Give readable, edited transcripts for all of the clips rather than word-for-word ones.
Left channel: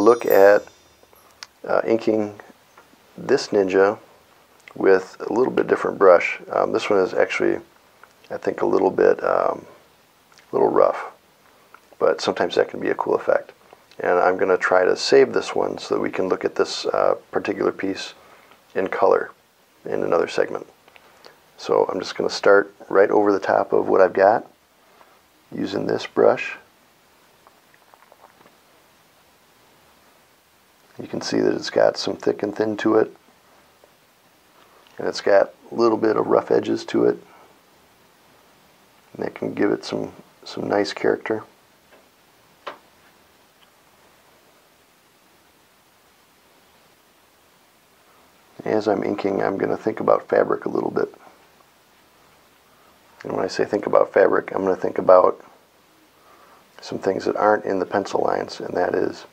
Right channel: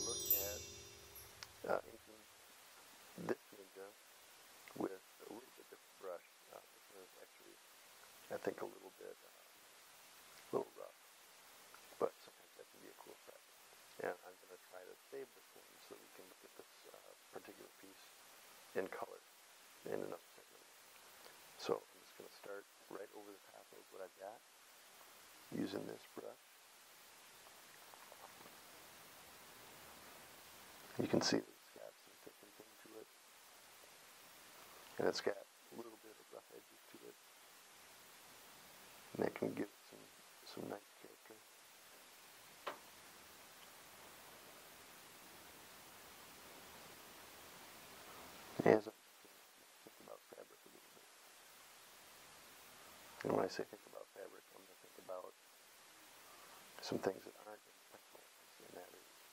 look at inking this Ninja with a little bit different brush. This one is actually, I think, a little rough, but sometimes that can be a cool effect. And I'm going to try to save this one so that we can look at this particular piece in color in another segment. So I'm just going to start right over the top of what I've got using this brush. You can see that it's got some thick and thin to it, and it's got a little bit of rough edges to it, and that can give it some nice character. As I'm inking, I'm going to think about fabric a little bit. And when I say think about fabric, I'm going to think about some things that aren't in the pencil lines, and that is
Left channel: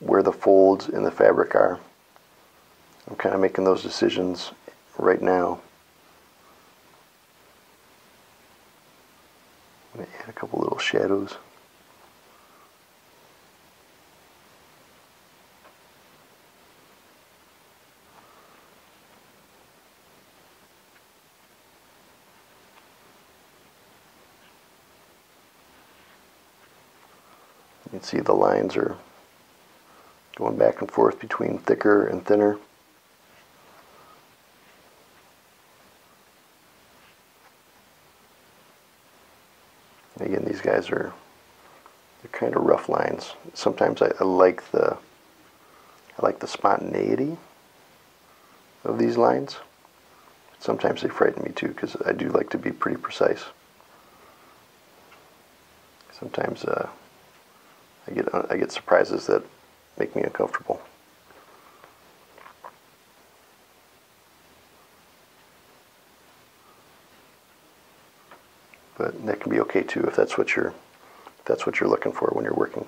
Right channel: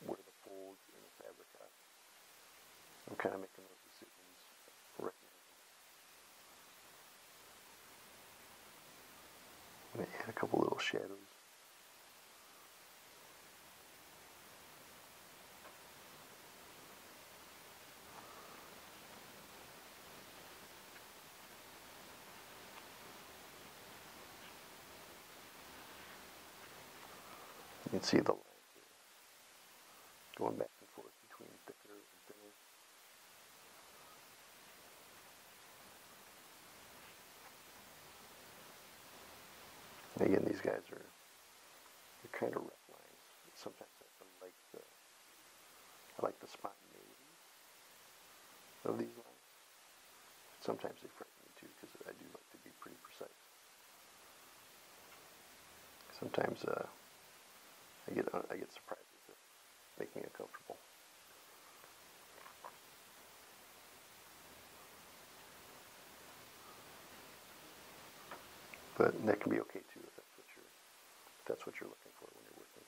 where the folds in the fabric are. I'm kind of making those decisions right now. I'm going to add a couple little shadows. You can see the lines are going back and forth between thicker and thinner. And again, these guys are kind of rough lines. Sometimes I like the spontaneity of these lines. Sometimes they frighten me too, because I do like to be pretty precise. Sometimes I get surprises that make me uncomfortable. But that can be okay too if that's what you're looking for when you're working.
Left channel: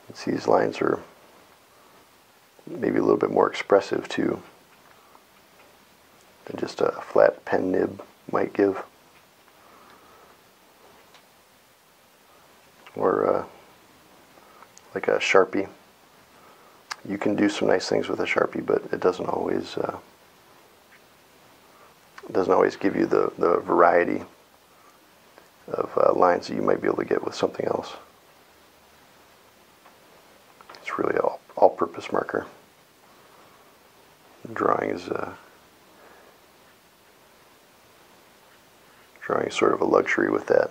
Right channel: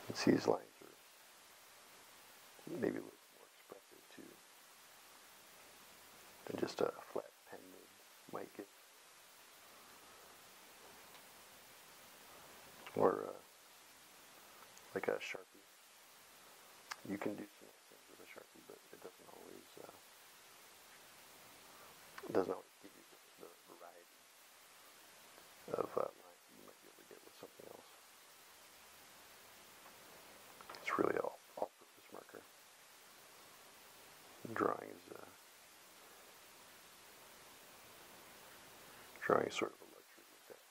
You can see these lines are maybe a little bit more expressive too than just a flat pen nib might give. Or like a Sharpie. You can do some nice things with a Sharpie, but it doesn't always give you the variety of lines that you might be able to get with something else. It's really all-purpose marker. Drawing is sort of a luxury with that,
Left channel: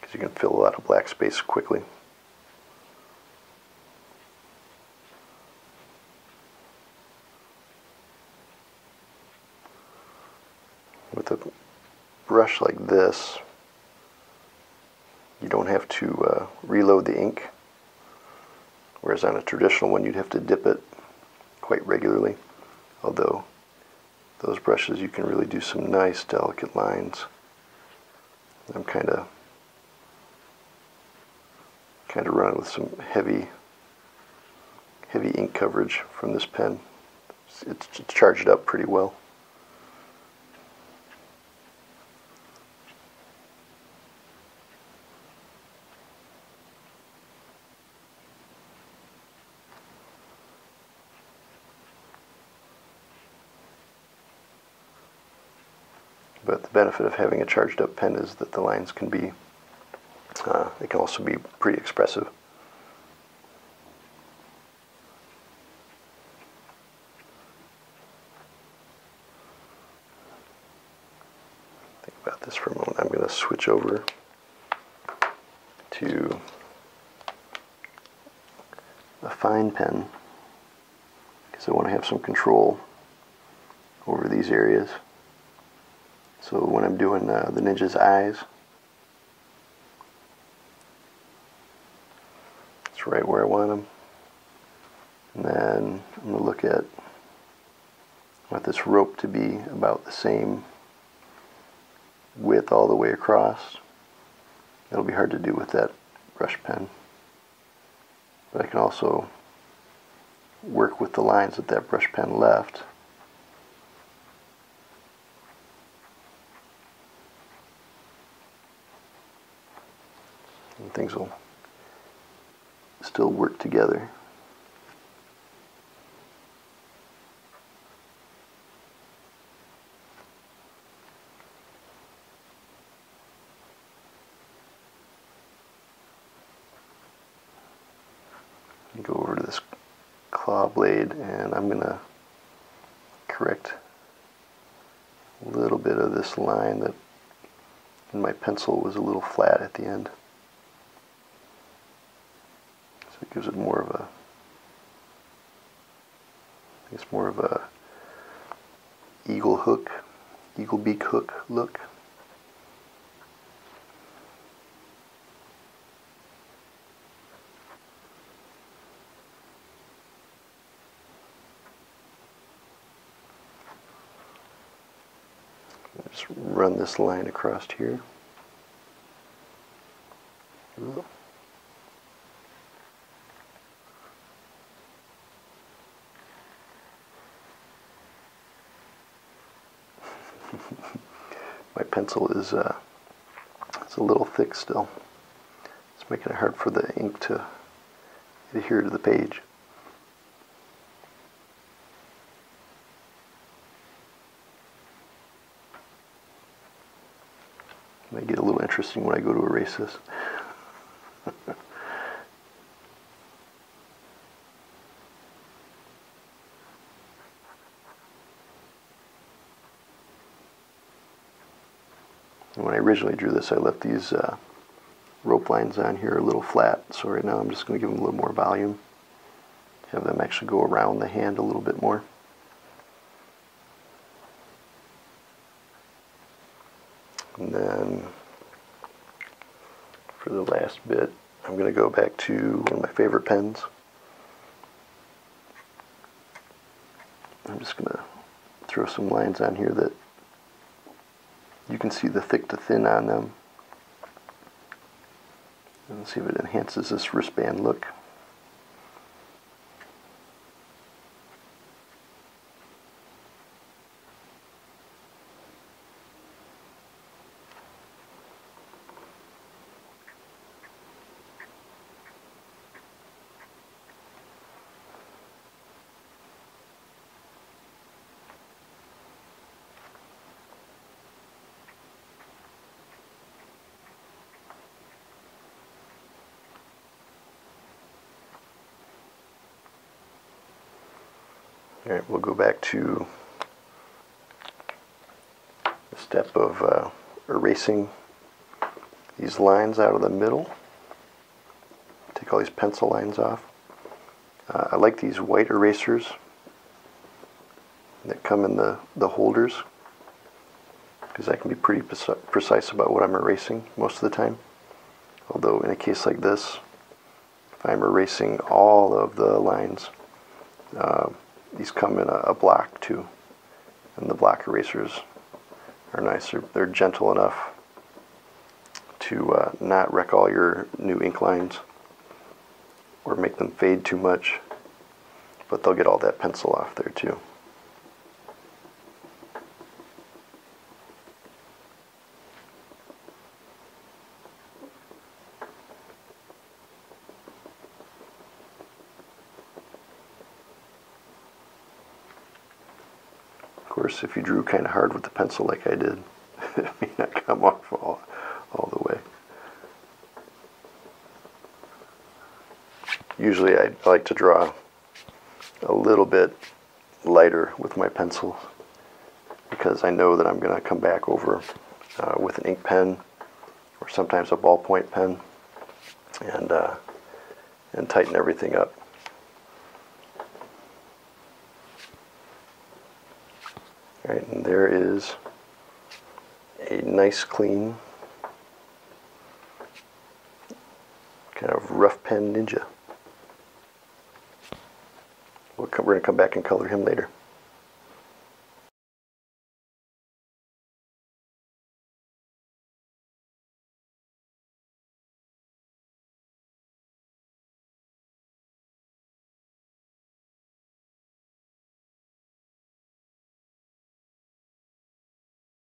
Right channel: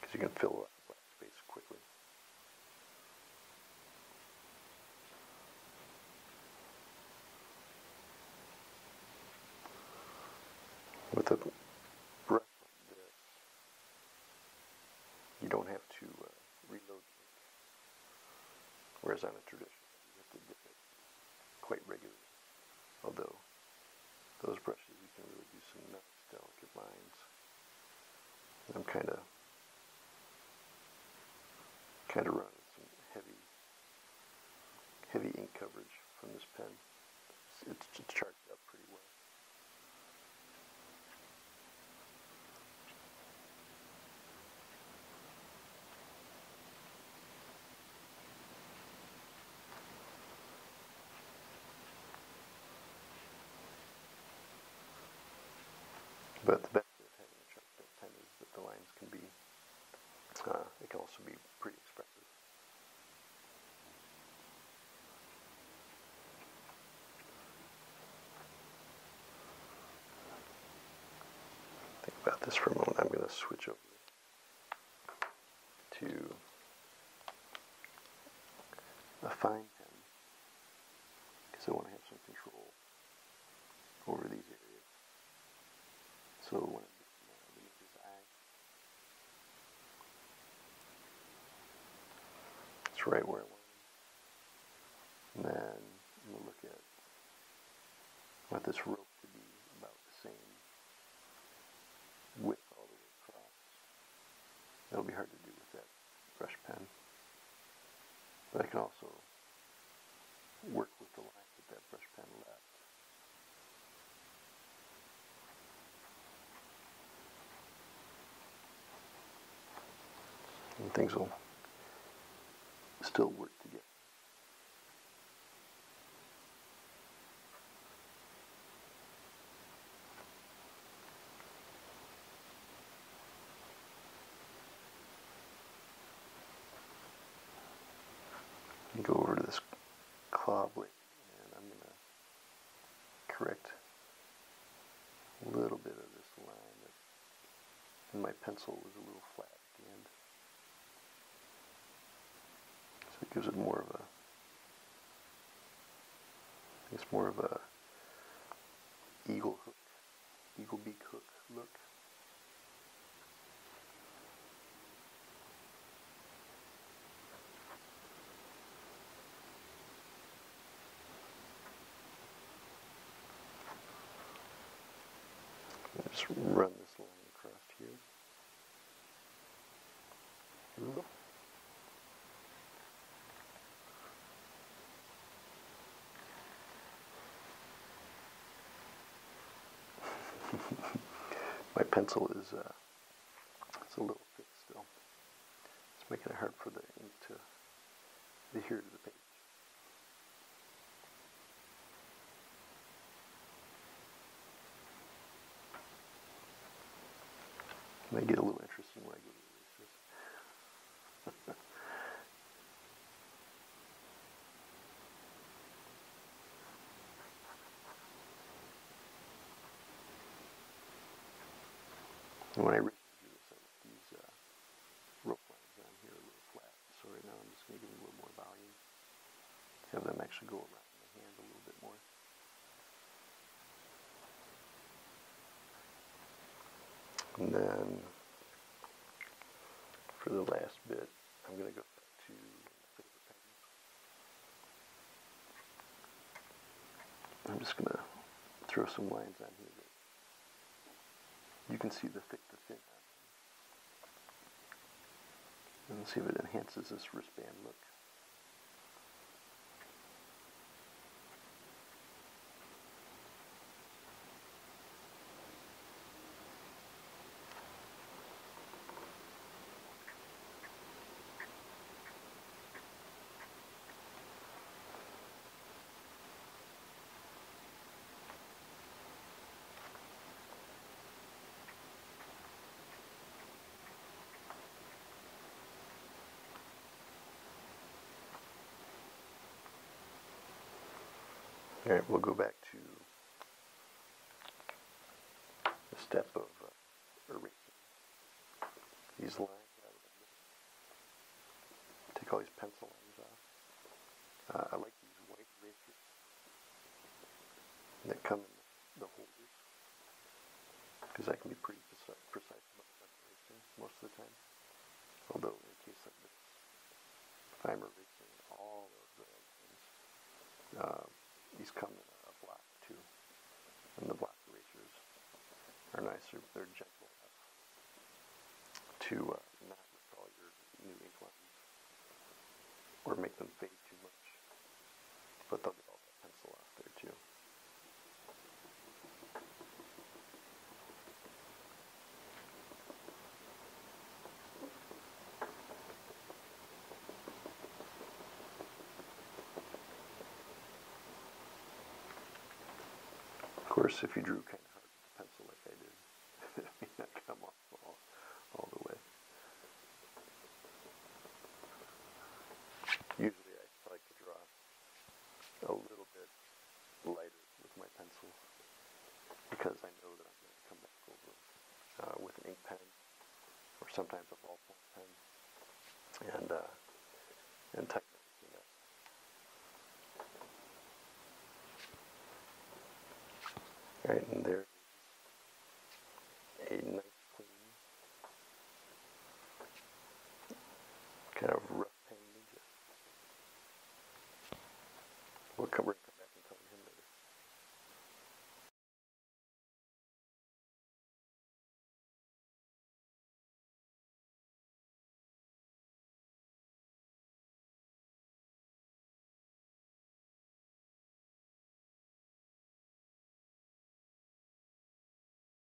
because you can fill a lot of black space quickly. With a brush like this, you don't have to reload the ink, whereas on a traditional one you'd have to dip it quite regularly, although those brushes you can really do some nice delicate lines. I'm kind of running with some heavy ink coverage from this pen. It's charged up pretty well. But the benefit of having a charged up pen is that the lines can be, they can also be pretty expressive. Think about this for a moment. I'm going to switch over to a fine pen because I want to have some control over these areas. So when I'm doing the Ninja's eyes, it's right where I want them. And then I'm going to look at, I want this rope to be about the same width all the way across. That'll be hard to do with that brush pen. But I can also work with the lines that that brush pen left. And things will still work together. Go over to this claw blade, and I'm going to correct a little bit of this line that in my pencil was a little flat at the end. So it gives it more of a, it's more of a eagle beak hook look. Just run this line across here. Ooh. My pencil is it's a little thick still. It's making it hard for the ink to adhere to the page. It may get a little interesting when I go to erase this. When I originally drew this, I left these rope lines on here a little flat, so right now I'm just going to give them a little more volume. Have them actually go around the hand a little bit more. And then for the last bit, I'm going to go back to one of my favorite pens. I'm just going to throw some lines on here that you can see the thick to thin on them. And see if it enhances this wristband look. All right, we'll go back to the step of erasing these lines out of the middle. Take all these pencil lines off. I like these white erasers that come in the holders, because I can be pretty precise about what I'm erasing most of the time. Although in a case like this, if I'm erasing all of the lines, these come in a block too, and the block erasers are nice. They're gentle enough to not wreck all your new ink lines or make them fade too much, but they'll get all that pencil off there too. Of course, if you drew kind of hard with the pencil like I did, it may not come off all the way. Usually I like to draw a little bit lighter with my pencil, because I know that I'm going to come back over with an ink pen or sometimes a ballpoint pen and tighten everything up. All right, and there is a nice clean kind of rough pen ninja. We're going to come back and color him later.